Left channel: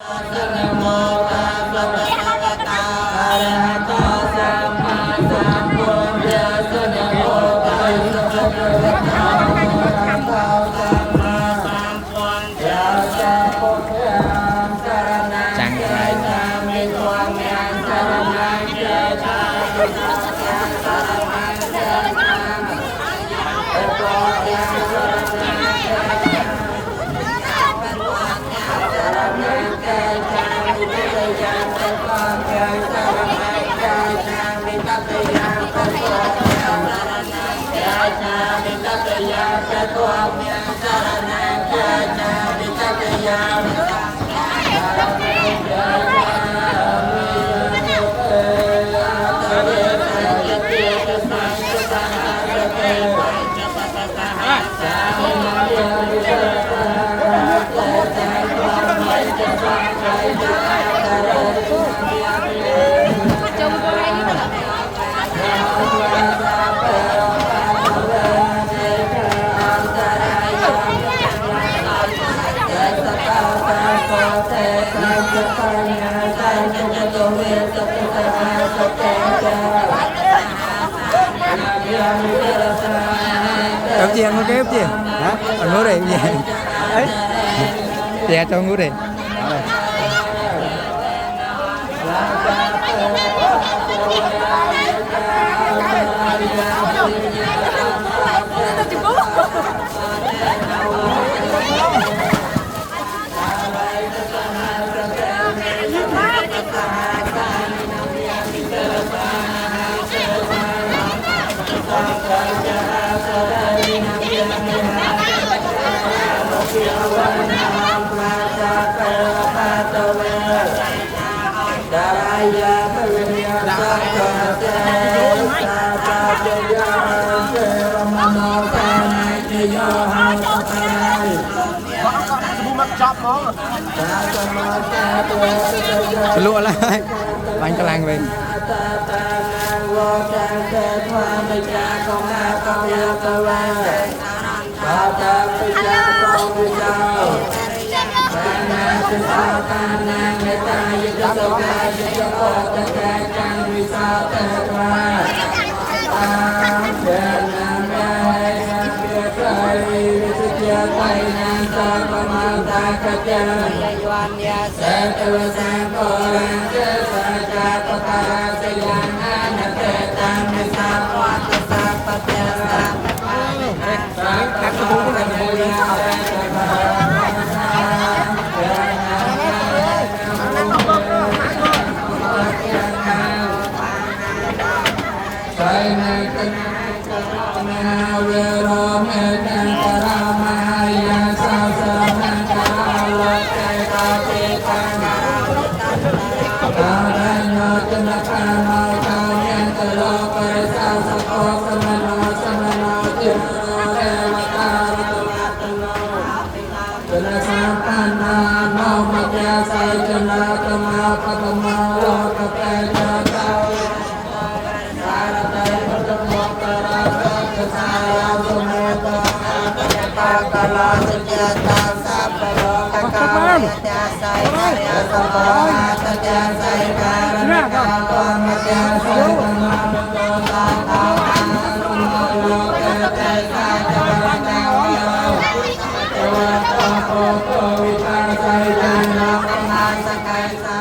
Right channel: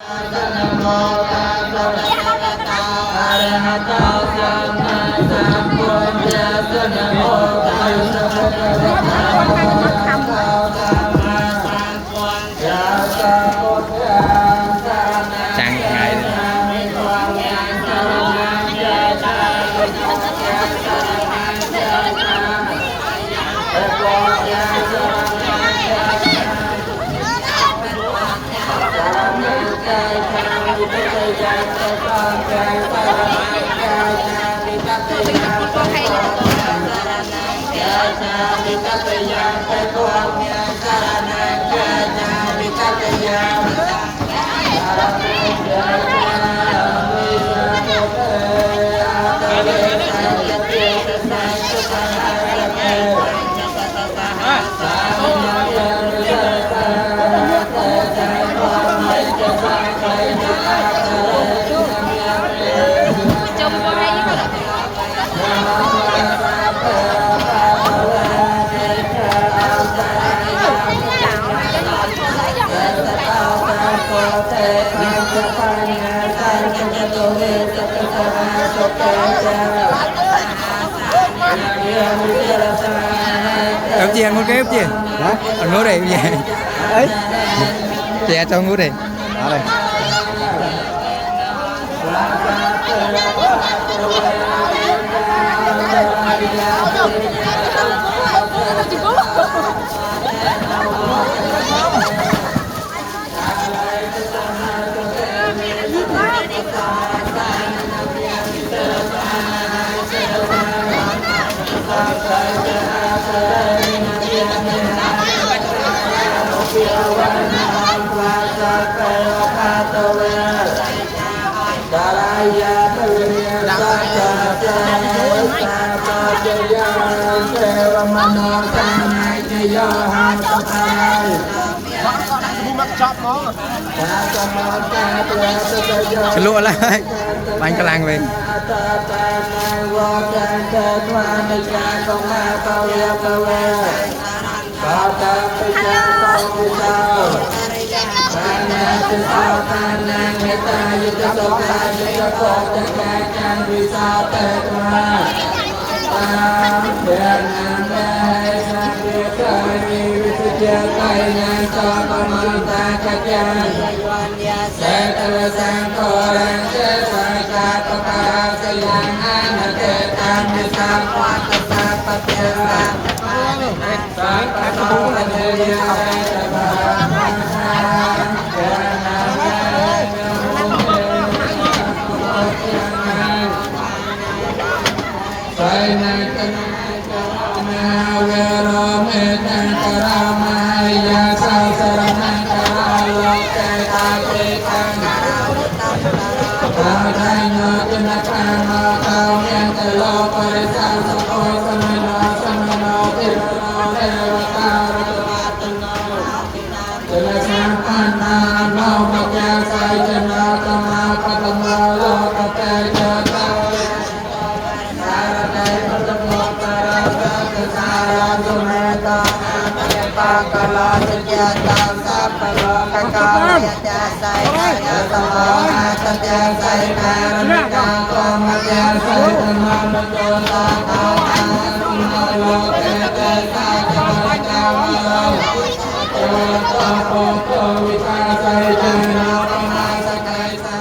นะโมตัสสะภะคะวะโตอะระหะโตสัมมาสัมพุทธัสสะนะโมตัสสะภะคะวะโตอะระหะโตสัมมาสัมพุทธัสสะพุทธังสรณังกัจฉามิธัมมังสรณังกัจฉามิธัมมังสรณังกัจฉามิพุทธังสรณังกัจฉามิใจชามิปัจจยังใจความใจสารนังใจชามิปัจจยังใจความใจสารนังใจชามิปัจจยังใจความใจสารนังใจชามิปัจจยังใจสารนังใจชามิสุขเตยะเตยะยะเตยะสังสุขังยะเตยะสามินาเยเตยะEm chị ăn một cái em chị hả? Ăn ngủ đây vậy đấy chị cho ngủ đây Lụa lại bánh cả làng về Hãy subscribe cho kênh Ghiền Mì Gõ để không bỏ lỡ